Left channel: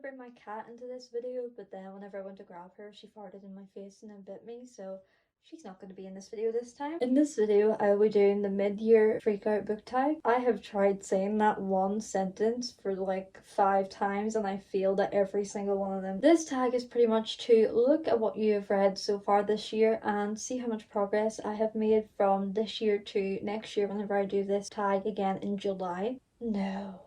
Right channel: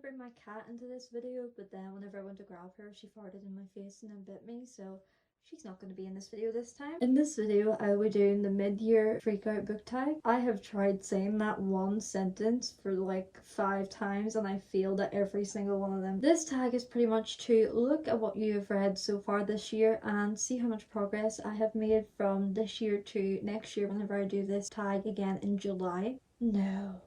bring my cat into this video, but then whenever I went to grab her, she farted in my face and then bit me, so she's not going to be in this video this time. In this video, I will be doing the mid-year freakout book tag. I have tried saying that one sentence for like 5 times and I failed at every single one of them. This tag is pretty much to look at what you have read so far this year and see how much progress I have made from this year to next year whenever I do this tag again in July. No.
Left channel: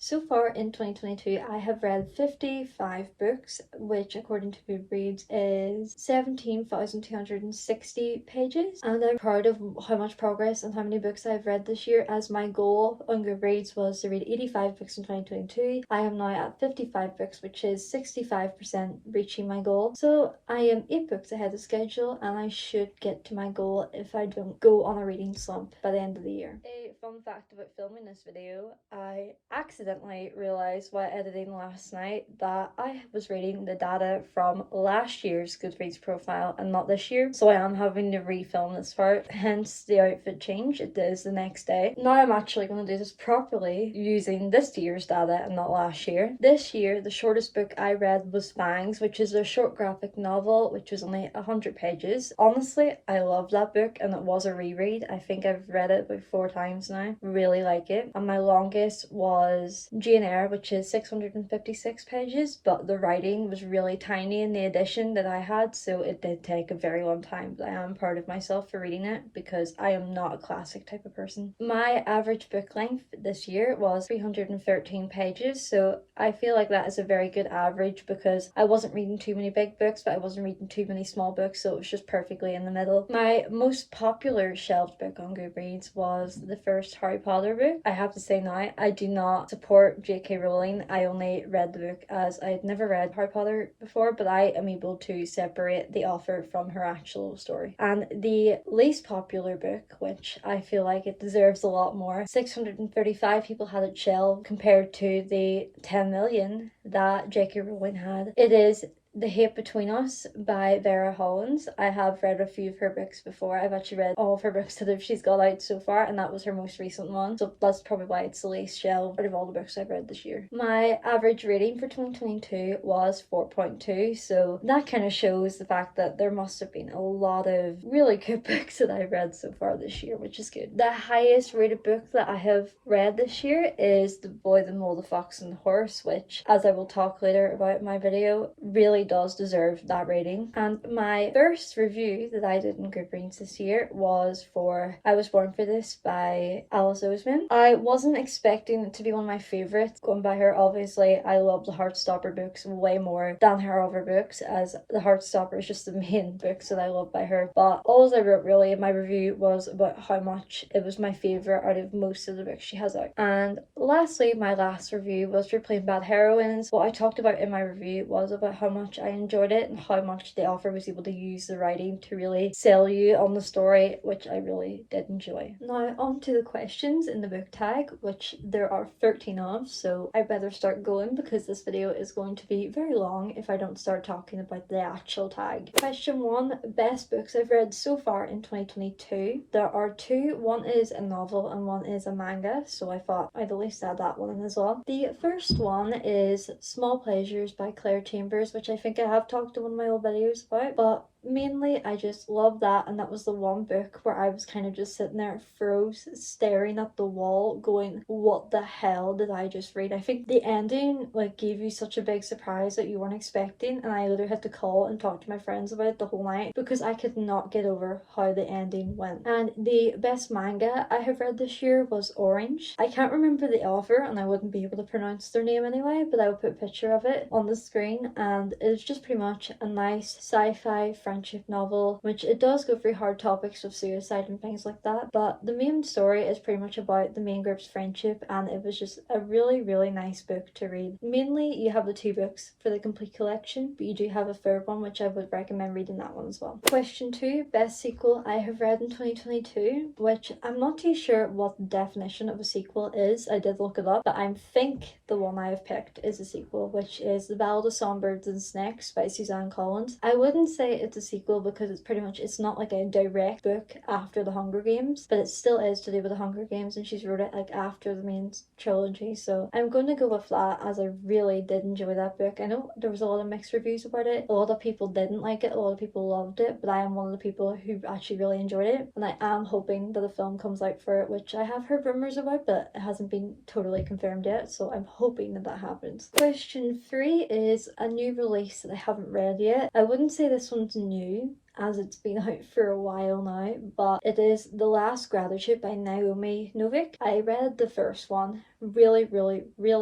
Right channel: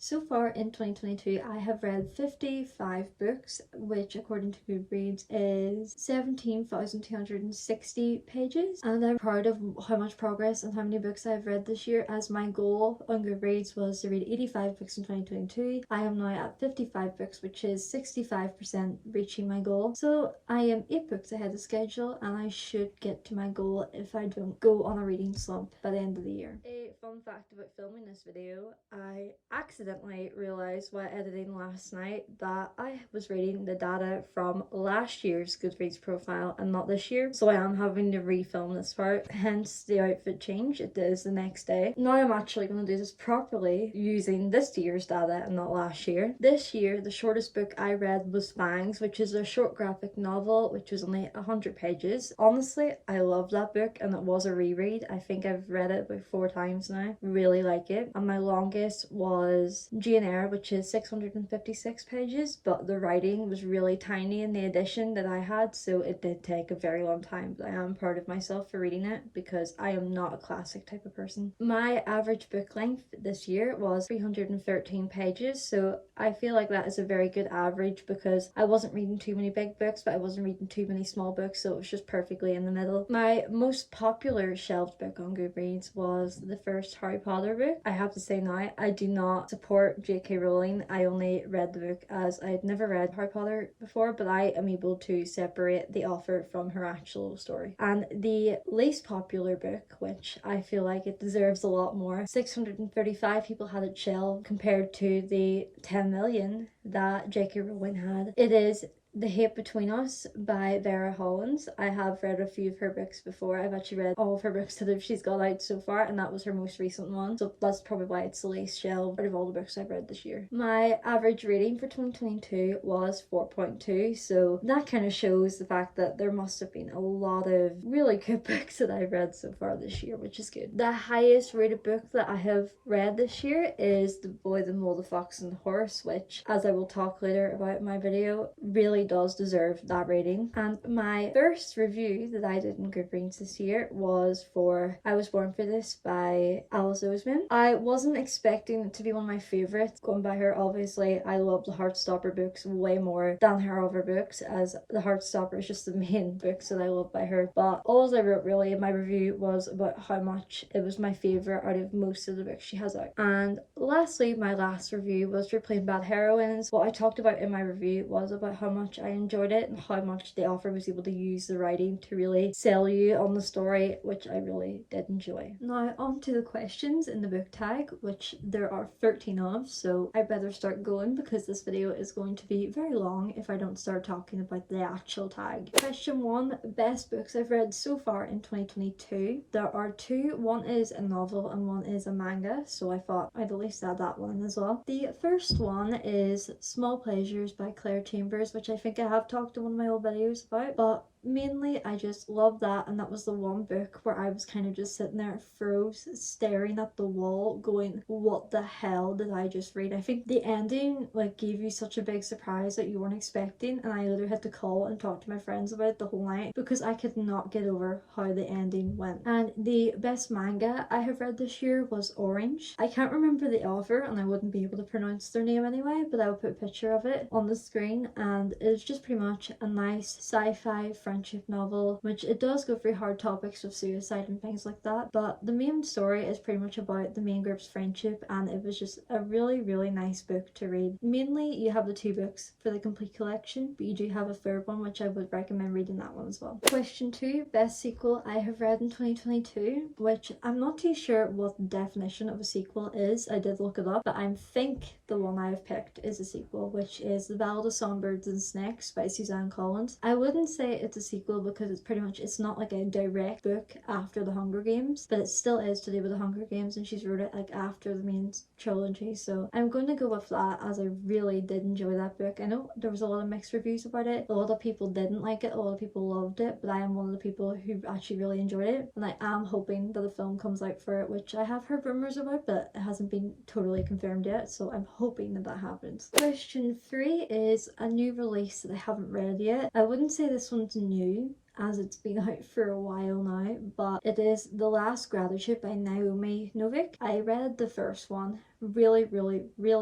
So far in 2022, I have read 55 books, which according to Goodreads is 17,260 pages. And I'm proud of how much progress and how many books I've read this year, as my goal on Goodreads was to read 85 books in 2022. I am now at 55 books, which is 65% reaching my goal. So I am 8 books ahead of schedule, and I should get to my goal if I don't go on a reading slump by the end of the year. A fun fact about filming this video, I accidentally realized while editing last night that I was reading the data from last year's Goodreads profile and not this year, so I am having to refilm this part, hence the outfit change. It is the next day. Now I'm actually going to do this properly using this year's data and not last year. This year the shortest book I read was Fangs, which is a short graphic novel which was only 100 pages. Honestly, I love that book and it was a reread. I think I've read it about 4 times now. Really like it. And my longest was Jane Eyre, which is 656 pages, but the writing was really tiny in the edition that I had, so it did take a very long time, but I am proud of myself for reading it because I am not a classic type of person. My average book length this year was 313 pages, so I feel like that is a very good average because I wasn't reading too many big books, but I wasn't reading too many small books, so it was just perfectly in the middle. My most popular shelved book on Goodreads was the first Harry Potter book. I have to say now, I do not support J.K. Rowling. I only read the book as I had never read Harry Potter before, but I am able to separate the author from her actual story. And the least popular book, which I feel like it deserves a lot more, 635 people had it shelved compared to the 10 million that J.K. Rowling had. It is The Hate Between Us by Vera Hollins. I have read a few of her books before. I've actually read all of her books that she's got out so far, and that was her most recent one. So that's probably why it's the least shelved out of all the books I've read this year. My average rating for 2022 was 4.2, so that kind of shows the fact that there must have been a lot of really good books that I've read so far this year, which is good. The highest rated book that I have read this year is The Boy, the Mole, the Fox and the Horse, which, as I will talk later about in my video, really does deserve that rating. And my first review that I did in Goodreads this year was for I Was Born for This by Alice Oseman. I wasn't expecting it to be one of my favourites. Going by her, obviously, I love the Heartstopper books way more than her other books, as the Heartstopper is just the main books that I love by her. But all I wrote really in my review was about how much it was my favourite out of most of the books she has out. And lastly, my last review was for Plain Bad Heroines. What I talked about in my review was about how much I enjoyed it and how much the author was able to use the writing to really sell you on the story, which I really did enjoy. Now on to the questions in the book tag, which there are 13 of, so I better start going because this video is going to be very long if I don't start talking about the actual tag. Question 1, best books I've read so far in 2022. There are 2, one is a novel and one is a manga, so I thought I'd at least add that one in as well. The first one is Small Pleasures by Claire Chambers, which I think I have talked in one of my old videos about, but mainly I just love that, and that was the one book where I was kind of just sitting there froze, staring at the wall going, what the hell did I just read? I think the ending like gave you such a big surprise that you weren't expecting, and I literally had to call and talk to my friends about it the whole night because I could not get over how the ending went. And the best manga I have read this year was Orange. I can't remember the author and I wouldn't be able to pronounce their name anyway, but I will put a picture of it on the screen, and it's just pretty much a nice sci-fi friendship novel, which it does go through hard topics of suicide and things like that, but the main story is pretty much about the main group's friendship, and it was just a really nice book to read. Mainly you have the 2 books for the complete collection, but you do have a third one, which I would recommend reading that one as well. Question 2, best sequel I have read in 2022, which I'm not too sure what the definition of a sequel is. I did look it up, but I think the one I have picked is a sequel, which is The Ballad of Songbirds and Snakes by Suzanne Collins. I wouldn't say it's a sequel because it's not like a direct book after The Hunger Games, but it still is to do with The Hunger Games, and she's wrote it like after the main trilogy. So I'm going to go with that, as I really did enjoy that book. I know there was a lot of mixed reviews about it. A lot of people didn't like it, a lot of people loved it, but I am one of the people who actually really enjoyed it, and I am hoping that a film comes out for it, which I have heard rumors about, but it hasn't been totally confirmed yet, so I'm hoping that that happens. Question 3 is a new release that I haven't read yet. I wouldn't say this one's new, as it's been out for a while now, but it is The Last Gratitude by Naomi Novik. I read the first one, really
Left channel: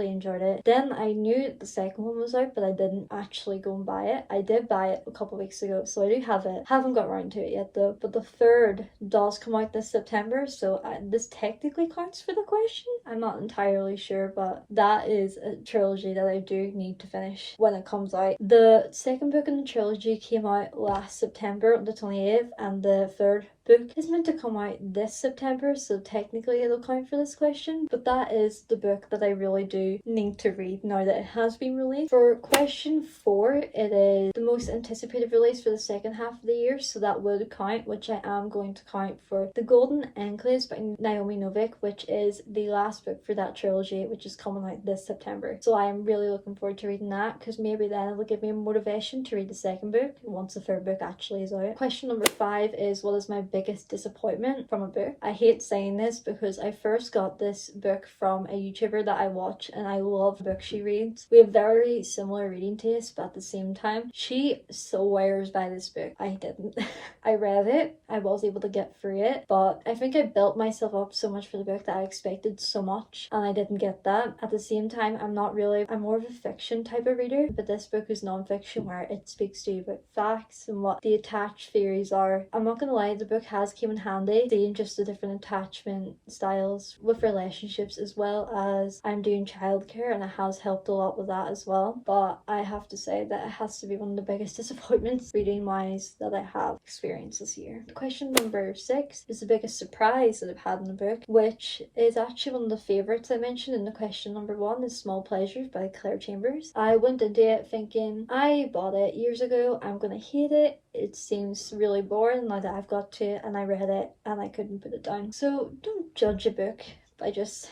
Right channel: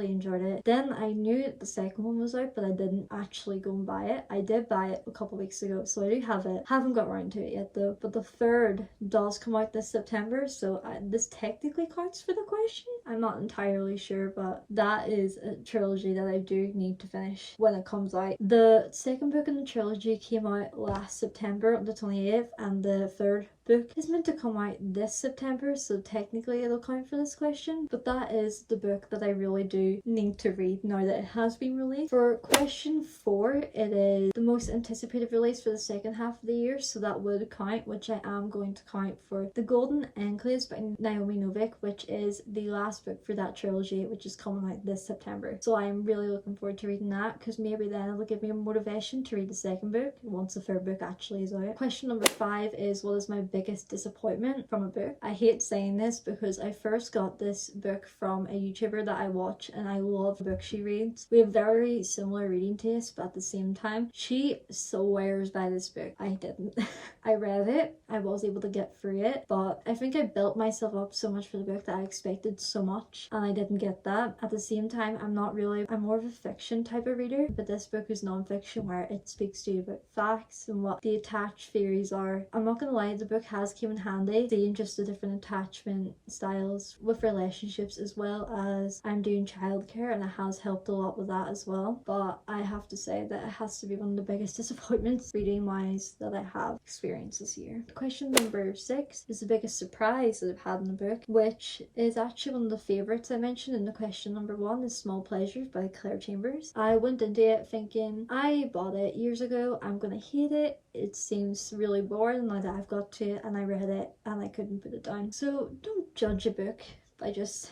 enjoyed it. Then I knew the second one was out, but I didn't actually go and buy it. I did buy it a couple of weeks ago, so I do have it. Haven't got around to it yet though, but the third does come out this September, so this technically counts for the question. I'm not entirely sure, but that is a trilogy that I do need to finish when it comes out. The second book in the trilogy came out last September, the 28th, and the third book is meant to come out this September, so technically it'll count for this question, but that is the book that I really do need to read now that it has been released. For question 4, it is the most anticipated release for the second half of the year, so that would count, which I am going to count for The Golden Enclaves by Naomi Novik, which is the last book for that trilogy, which is coming out this September. So I am really looking forward to reading that, because maybe then it'll give me motivation to read the second book once the third book actually is out. Question number 5 is, what is my biggest disappointment from a book? I hate saying this because I first got this book from a YouTuber that I watch, and I love the book she reads. We have very similar reading tastes, but at the same time, she swears by this book. I didn't. I read it, I was able to get through it, but I think I built myself up so much for the book that I expected so much, and I didn't get that. At the same time, I'm more of a fiction type of reader, but this book is non-fiction, where it speaks to you about facts and what the attached theories are. I'm not gonna lie, the book has came in handy, seeing just the different attachment styles with relationships, as well as I'm doing childcare, and it has helped a lot with that as well. But I have to say that it has to be one of the biggest disappointments reading wise that I have experienced this year. Question number 6 is the biggest surprise that I've had in the book, which is actually one of the favourites I mentioned in the question number 1, is Small Pleasures by Claire Chambers. I went into it thinking, I bought it years ago, I'm gonna hate it, it seems really boring now that I've got to it, and I read it and I couldn't put it down. So don't judge a book by just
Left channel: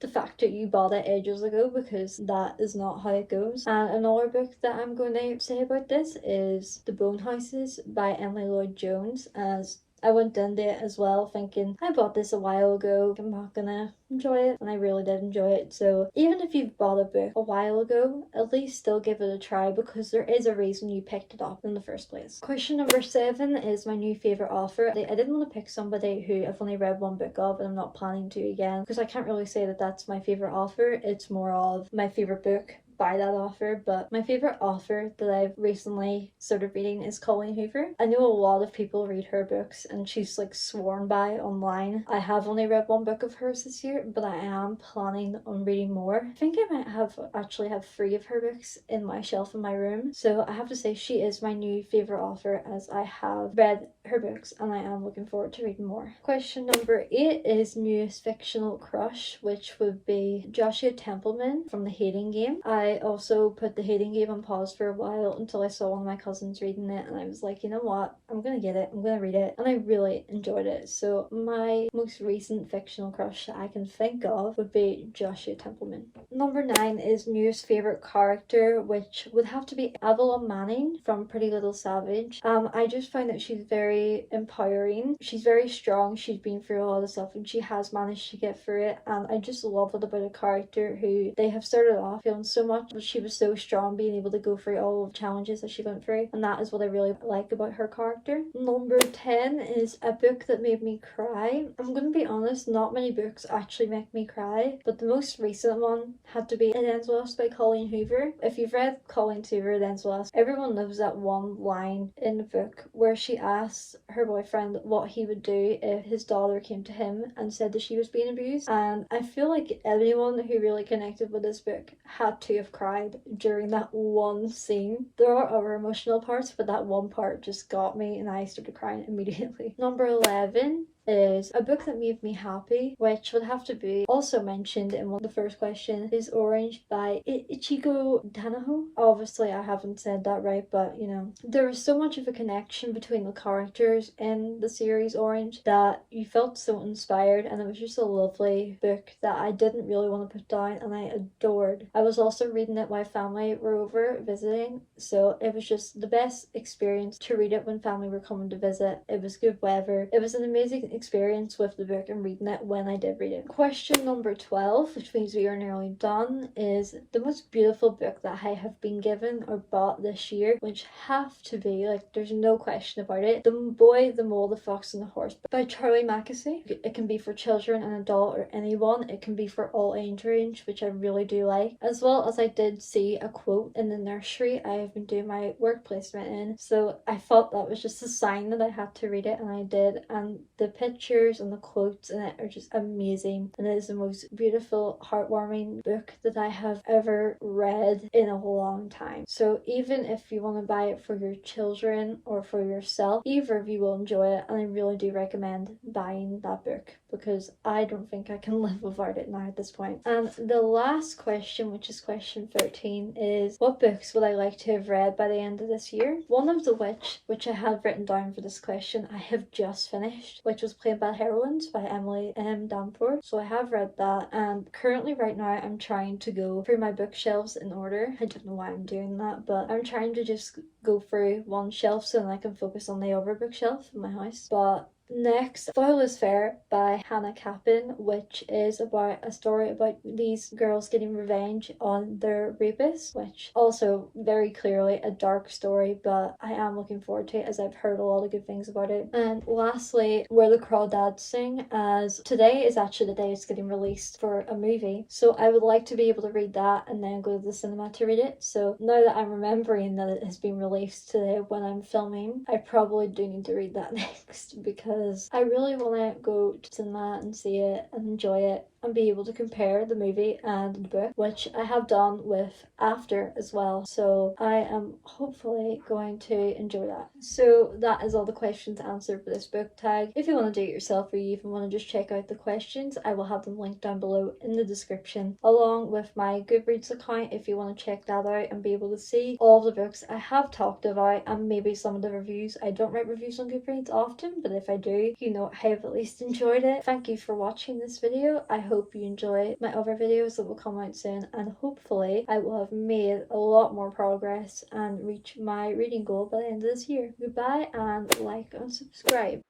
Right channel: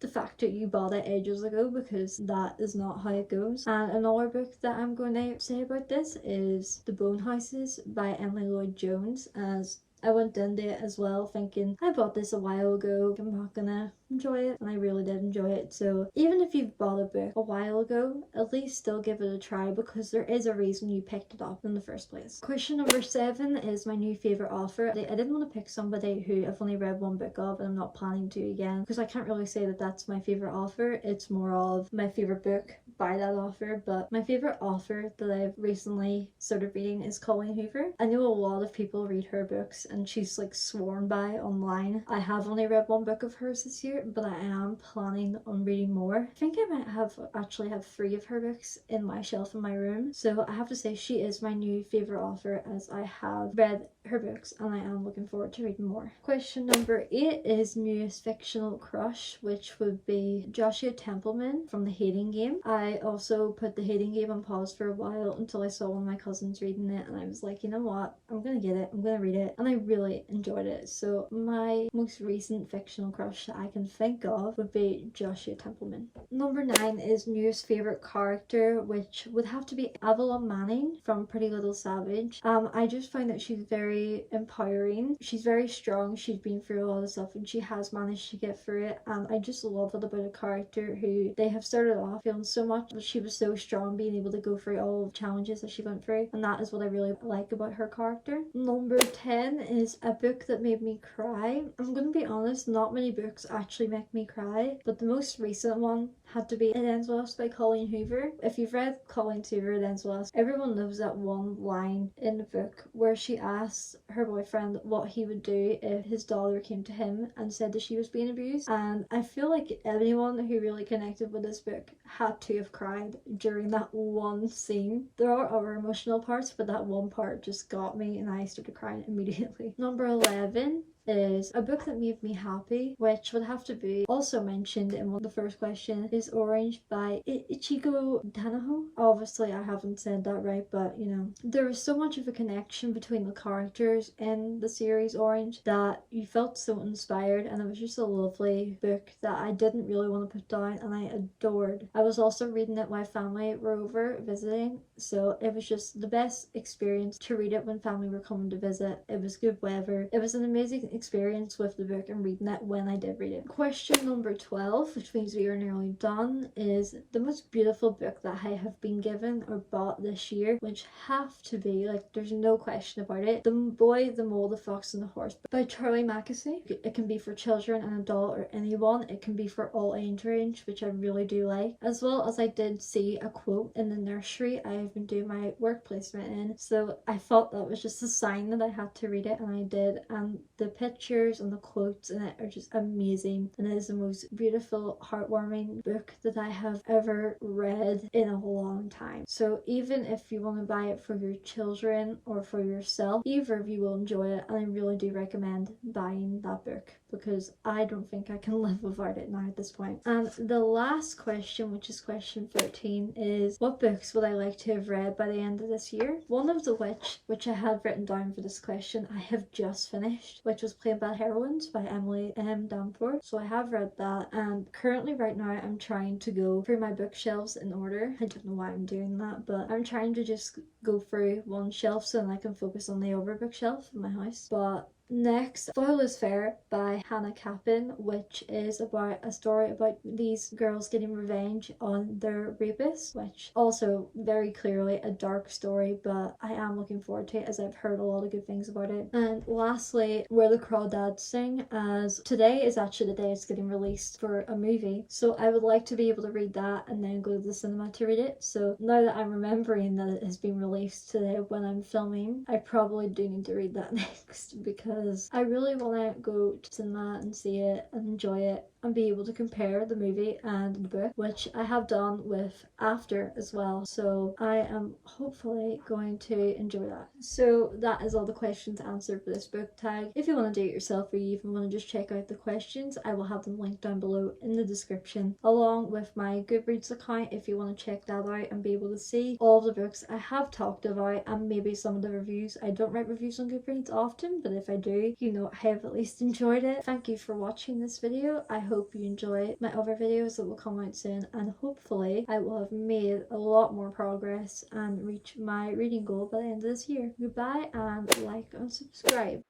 the fact that you bought it ages ago, because that is not how it goes. And another book that I'm going to say about this is The Bone Houses by Emily Lloyd Jones, as I went into it as well thinking, I bought this a while ago, I'm not gonna enjoy it, and I really did enjoy it. So even if you've bought a book a while ago, at least still give it a try, because there is a reason you picked it up in the first place. Question number 7 is my new favourite author. I didn't want to pick somebody who I've only read one book of and I'm not planning to again, because I can't really say that that's my favourite author. It's more of my favourite book by that author. But my favourite author that I've recently started reading is Colleen Hoover. I know a lot of people read her books and she's like sworn by online. I have only read one book of hers this year, but I am planning on reading more. I think I might actually have 3 of her books in my shelf in my room. So I have to say she is my new favourite author, as I have read her books and I am looking forward to reading more. Question number 8 is newest fictional crush, which would be Joshua Templeman from The Hating Game. I also put The Hating Game on pause for a while until I saw one of my cousins reading it, and I was like, you know what, I'm gonna get it, I'm gonna read it, and I really enjoyed it. So my most recent fictional crush that I can think of would be Joshua Templeman. Number 9 is newest favourite character, which would have to be Avalon Manning from Pretty Little Savage. I just find that she's very empowering, she's very strong, she's been through a lot of stuff and she has managed to get through it, and I just love it about a character who they have started off feeling so much, but she was so strong, being able to go through all of the challenges that she went through, and that is what I really like about her character. Number 10 is a book that made me cry. I'm gonna be honest, not many books actually make me cry, but the most recent one had to be It Ends With Us by Colleen Hoover. If you've read Colleen Hoover, It Ends With Us, everyone knows that one line in the book where she asks her boyfriend what he would do if his daughter came to him and said that she was being abused, and I feel like anyone who really connected with this book had to have cried during that one scene. There are other emotional parts, but that one part just got me and I started crying immediately. Number 11 is a book that made me happy, which would have to be also mentioned in one of the first questions, is Orange by Ichigo Tanaho. Obviously I haven't said that right, but you know, there was so much of a connection between the characters in the series Orange that you felt so inspired, and it was just a lovely book that I didn't really want to put down and I adored. I was also reading it while family were over visiting, so it was just the best experience to read it when family were coming to visit. It was good weather. It was an amazing experience with the book and reading it when I did read it. Question number 12, which means we are nearly done, is the most beautiful book that I have been given or bought this year, which have to be, like, there's no question about it, The Boy, the Mole, the Fox and the Horse by Charlie Mackesy. It can be for children, an adult, or anyone. It can be for all age range, which I really do like. As well as I did see a quote in the nursery I have been doing my work placement in, so I thought that was just a sign that I had to read it, and I did. And the pictures and the quotes in it are just amazing, and it is the most beautiful, heartwarming book that I have ever read in a long time. So even if you want to buy it for your children or for yourself, either of you will enjoy it, and I really do recommend buying that book because I don't think I can live without it now at this point. And the last question, which is question 13, is what books would I like to have read by the end of this year? One of the which I had written down for this question, I have just finished, which was Plain Bad Heroines by Emily M. Danforth. So I have read that, and currently right now I'm trying to go through my bookshelves in order. I don't know why I'm doing that, but I'm trying to just go through one shelf so then I can focus on the other bookshelf in my house. But next, Foil is Fair by Hannah Capin, which is about a story about these girls getting revenge on their rapists, which also very clearly a dark story, but I am looking forward to it as I've heard a lot of good things about it. And lastly, Where the Crawdads Sing, as today is actually the day it's getting released for a movie, so I would like to be able to read that and then go to the cinema to read it. So now that I'm remembering that it has been released today when I'm filming, I probably do need to read that next because I really want to go to cinema and see it and enjoy it and be able to compare the movie and the book, which I have done with After as well. So I am hopefully going to enjoy that. So that is all the questions answered for this book tag. If you want to do it yourself or you even want to just check out the questions, I will have them linked down below in the description, along with my Goodreads account if you want to check that out and be able to see all of the books I have talked about and maybe some of the reviews. I don't write reviews on Goodreads often, but if I do, you know, I have at least enjoyed it. Thank you for watching this video. I hope you enjoy my other videos that will come out soon, and hopefully I will have made a lot more progress and reach my reading goal by the end of this year. Goodbye, and like and subscribe.